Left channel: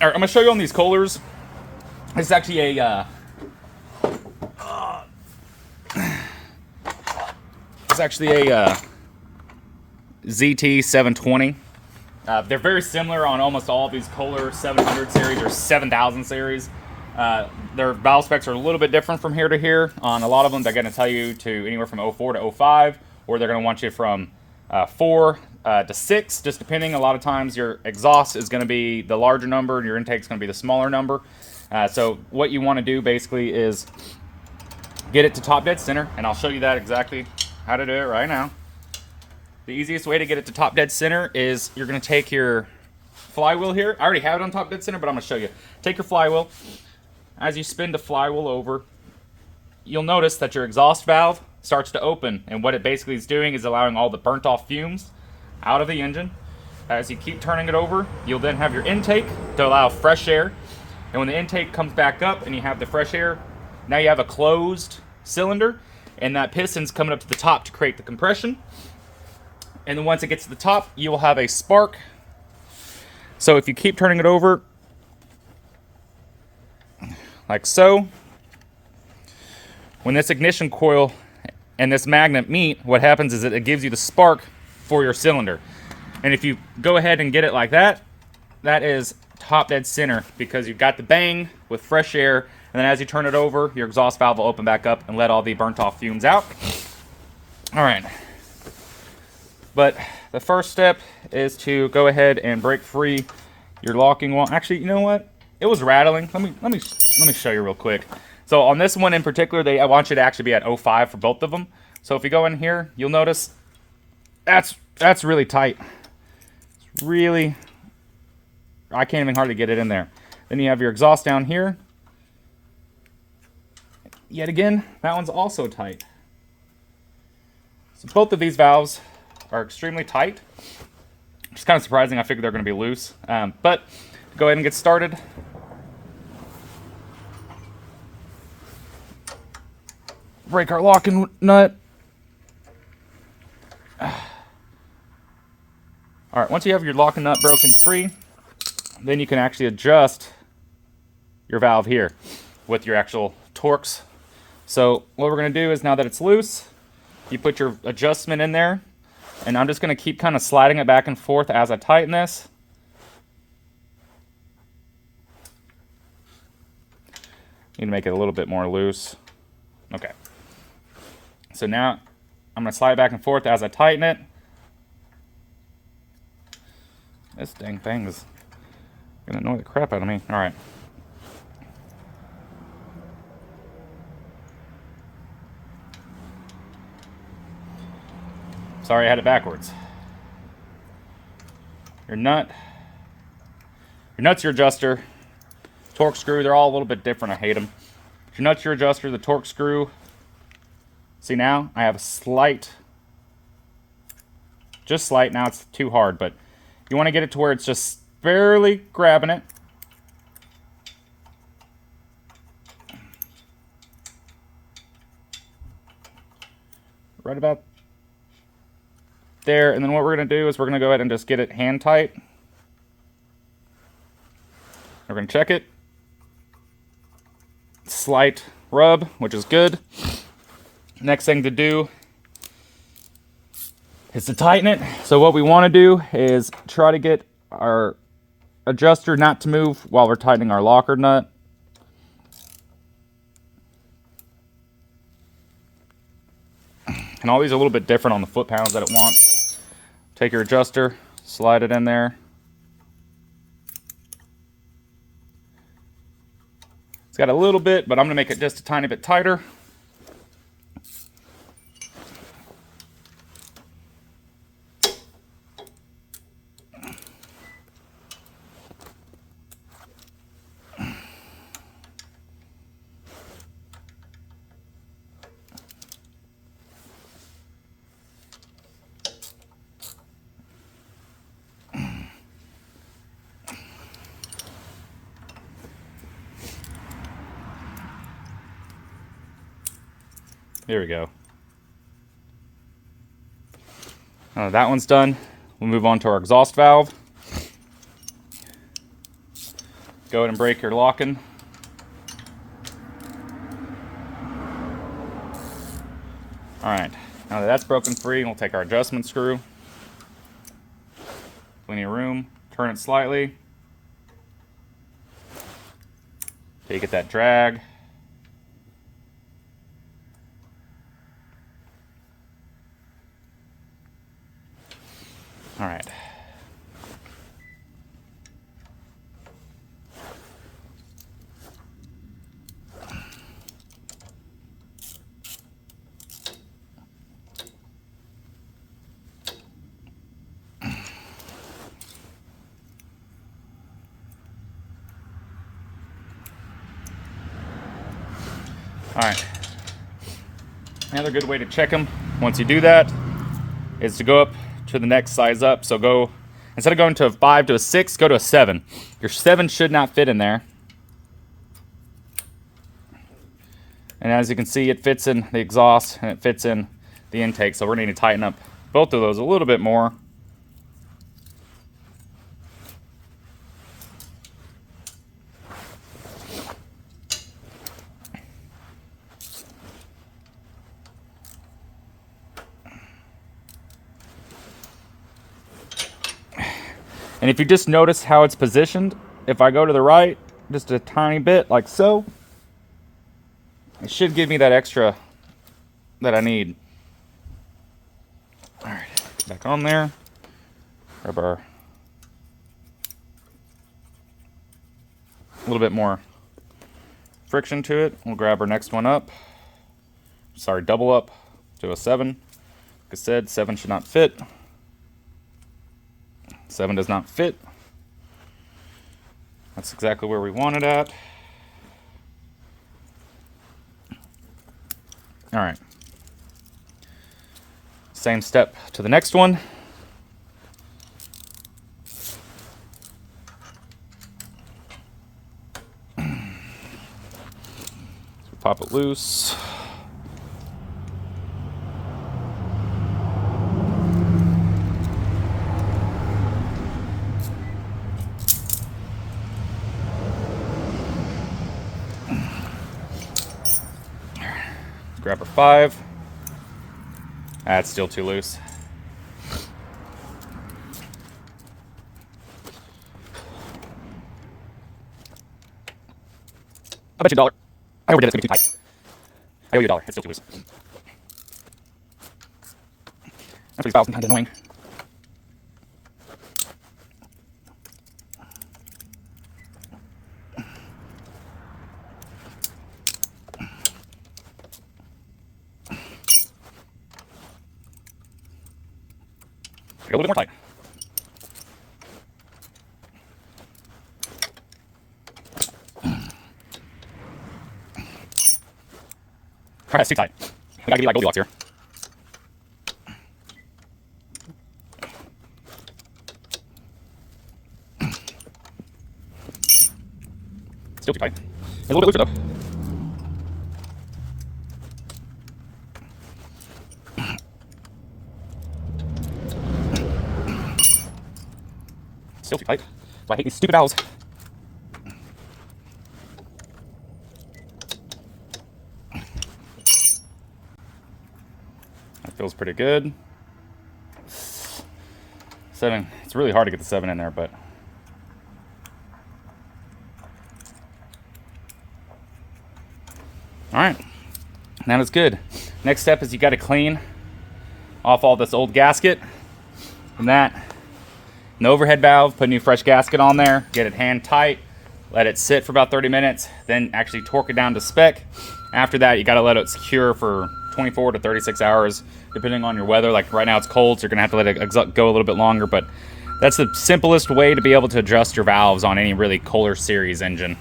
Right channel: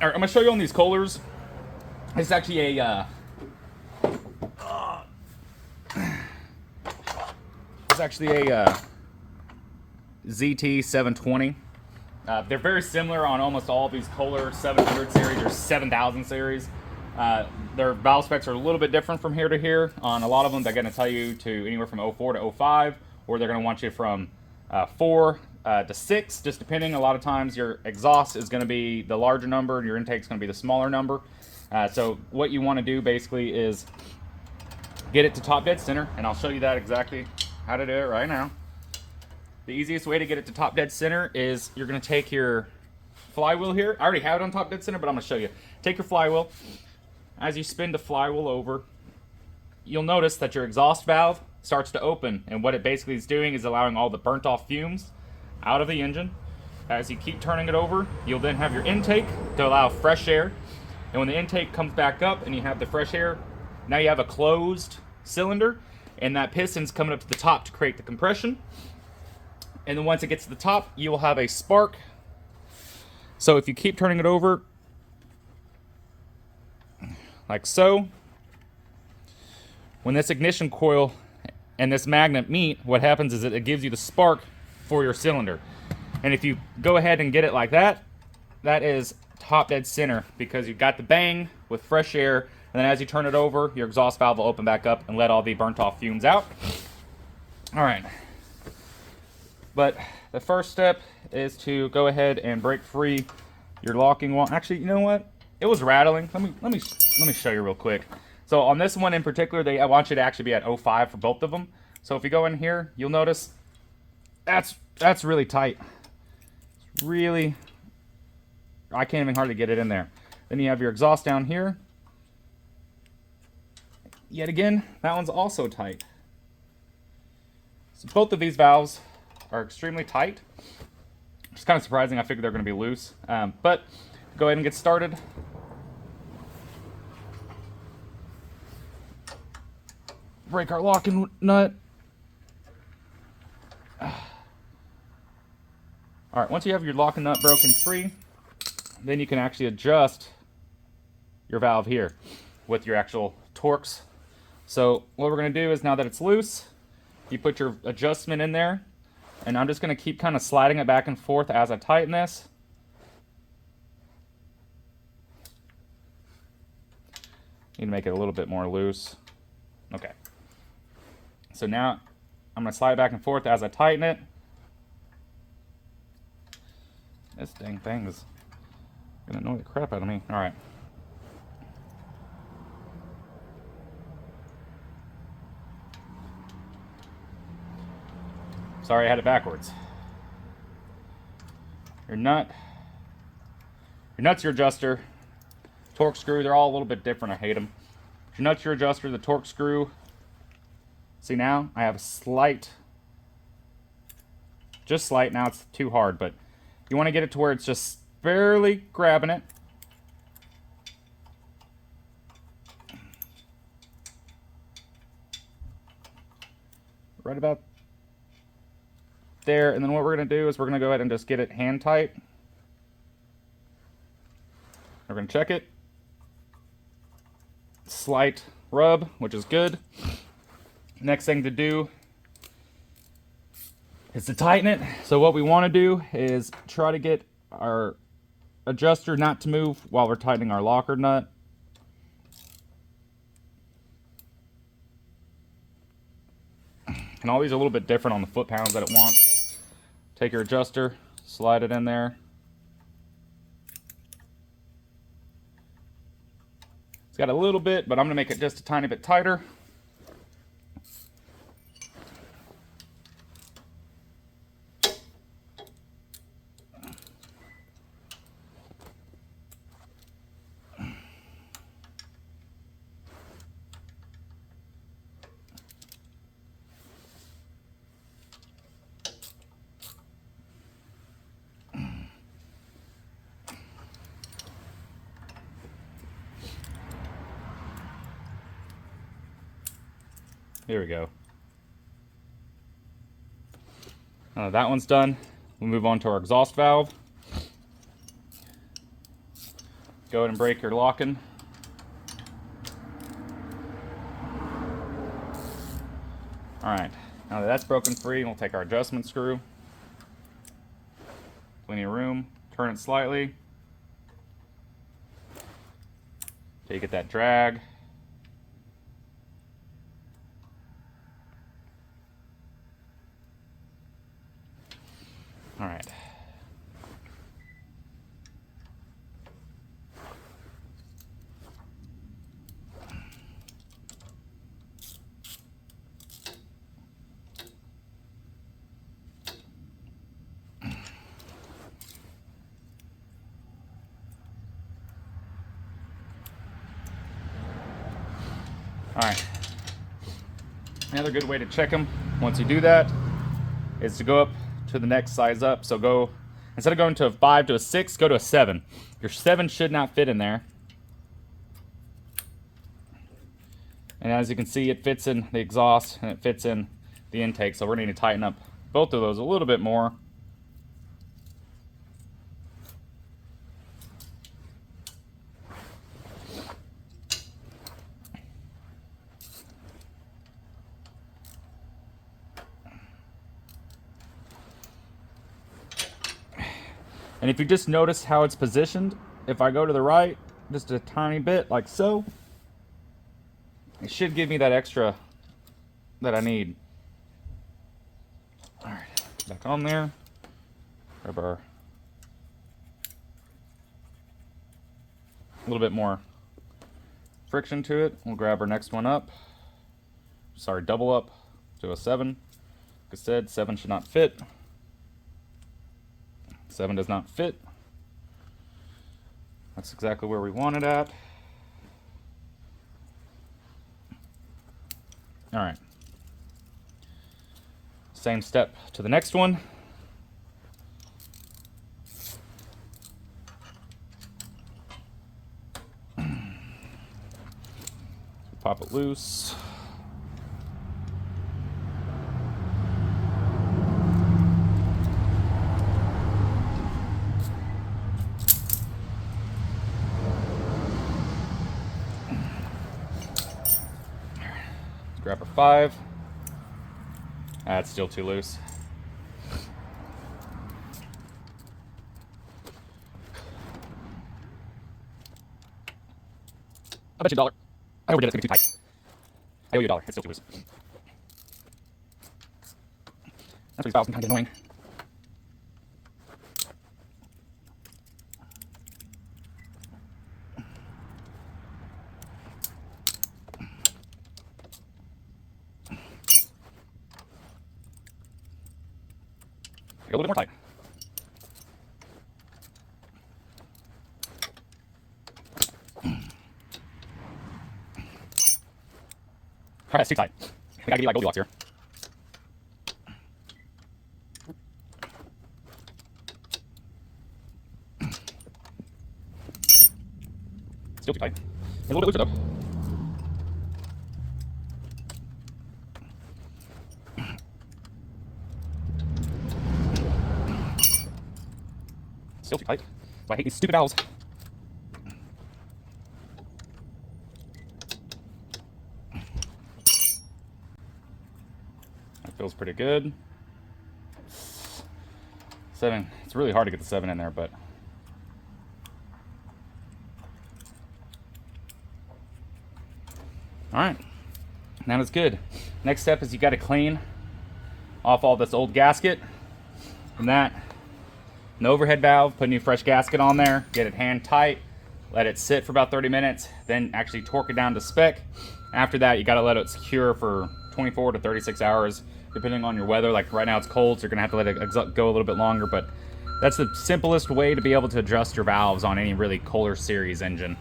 All right, I'm gonna show you on these Kohlers. It's actually a ZT720. They're very similar on almost all of these Kohler 700 series or 7000 series. Their valve specs are a little bit different from here to here. On a lot of them, they're going to tell you to anywhere from 04 to 05, or they're going to want you from 4 to 6, just depending. A lot of times your exhaust is going to be the larger number and your intake is going to be the smaller number. So what you want to do basically is get it to top dead center, and I'll show you that exactly how to do it right now. The easiest way to get it to top dead center is you're going to take your flywheel here. I already have it on top dead center, but I'm going to show you. Take your flywheel. As you spin the flywheel over, you'll notice that your exhaust valve starts to open, and what it basically is doing is allowing all the burnt off fumes out of the engine. As you keep turning it over, you'll then have your intake to allow fresh air, and when the intake comes back up and you have the fresh air, now you have a closed cylinder, and that piston's coming up to the top to create the compression. And then once it gets to the top, you will have a spark. So if you keep turning it over, like so, when this ignition coil and this magnet meet, what happens is that it gives you the spark for your cylinder. And if you go ahead and get it like that, that is top dead center, because you've got the bang with fresh air, and then as you turn it over, your exhaust valve will open back up and let all the burnt off fumes out. All right. But the first step is to go ahead and break free your locking wall. Actually, you know what? It was rattling. Let me show you real quick. So on this one in particular, I want you to actually be at 05 for both of them. So if you go in here, you'll notice that's really tight. It's really, I can't even hardly get it in there. Then you have your exhaust down here. Yet again, that one's also tight. So both of these valves are extremely tight. Which is kind of surprising. I figured they're going to be loose. But go ahead and get started. Break our locking nut. All right, once you have your locking nut broken free, then you can actually adjust your valve here with your actual Torx. So what we're going to do is, now that it's loose, you put your adjustment in there. And I'm just going to keep kind of sliding it back and forth as I tighten this. Need to make it a little bit more loose. Okay. So now I'm going to slide it back and forth as I tighten it. This dang thing is going to annoy the crap out of me. All right. Sorry, I had it backwards. Your nut. Your nut's your adjuster. Torque screw, they're all a little bit different. I hate them. Your nut's your adjuster, the torque screw. See, now I have a slight, just slight, now it's too hard, but you want to get it to where it's just barely grabbing it. Right about there, and then what we're going to do is we're going to go ahead and just get it hand tight. We're going to check it. Slight rub, which is good. Next thing to do is to tighten it. So what we want to do is try to get our adjuster not to move while we're tightening our locker nut. And all these are a little bit different on the foot-pounds that it wants. Take your adjuster, slide it in there. It's got a little bit, but I'm gonna make it just a tiny bit tighter. There we go. That one's done. We'll move on to our exhaust valve. go ahead and break your locking. All right, now that that's broken free, we'll take our adjustment screw. Plenty of room, turn it slightly. So you get that drag. All right. All right. Another good way to check them once you do that is to go up to the next size up. So go, instead of going to a 5 to a 6, go to a 7. Your 7 should not fit in there. And as you can see, it fits in the exhaust and it fits in the intake. So we're going to need to tighten up both of those a little bit more. And if you just notice how it's positioned, if I go to the right just a tiny bit like so, it should give me that extra that I need. All right, get back on there. Grab our a little bit more friction to it. We'll grab our next one up. Sorry, double up to a 7. Like I said, 7 should not fit. 7 does not fit. That's exactly where we want it at. All right. Same step to the next one. So pop it loose. Grab our 5. That's still too loose. I bet you $1. I overdid it. It's gonna be too tight. I owe you $1. It's still too loose. That's what these valves can kind of annoying. A little bit more tight. Alright, that's too tight. We gotta be like Goldilocks here. Still too tight. It's a little bit looser though. Still too tight. So I hate these stupid valves. That feels pretty good. 7. It's really hard to get the 7 in there, but all right. That is good. Next step is you got to clean off all this old gasket. From that, an overhead valve, put a new fresh gasket on there, get it hand tight, let it sit for about 30 minutes, then actually torque it down to spec. After that, you gotta let it cure for 24 to 36 hours, depending on your weather. Like right now it's cold, so you're gonna have to let it go a little bit longer, but that's the simplest way to be able to adjust your valves on any really Kohler series engine.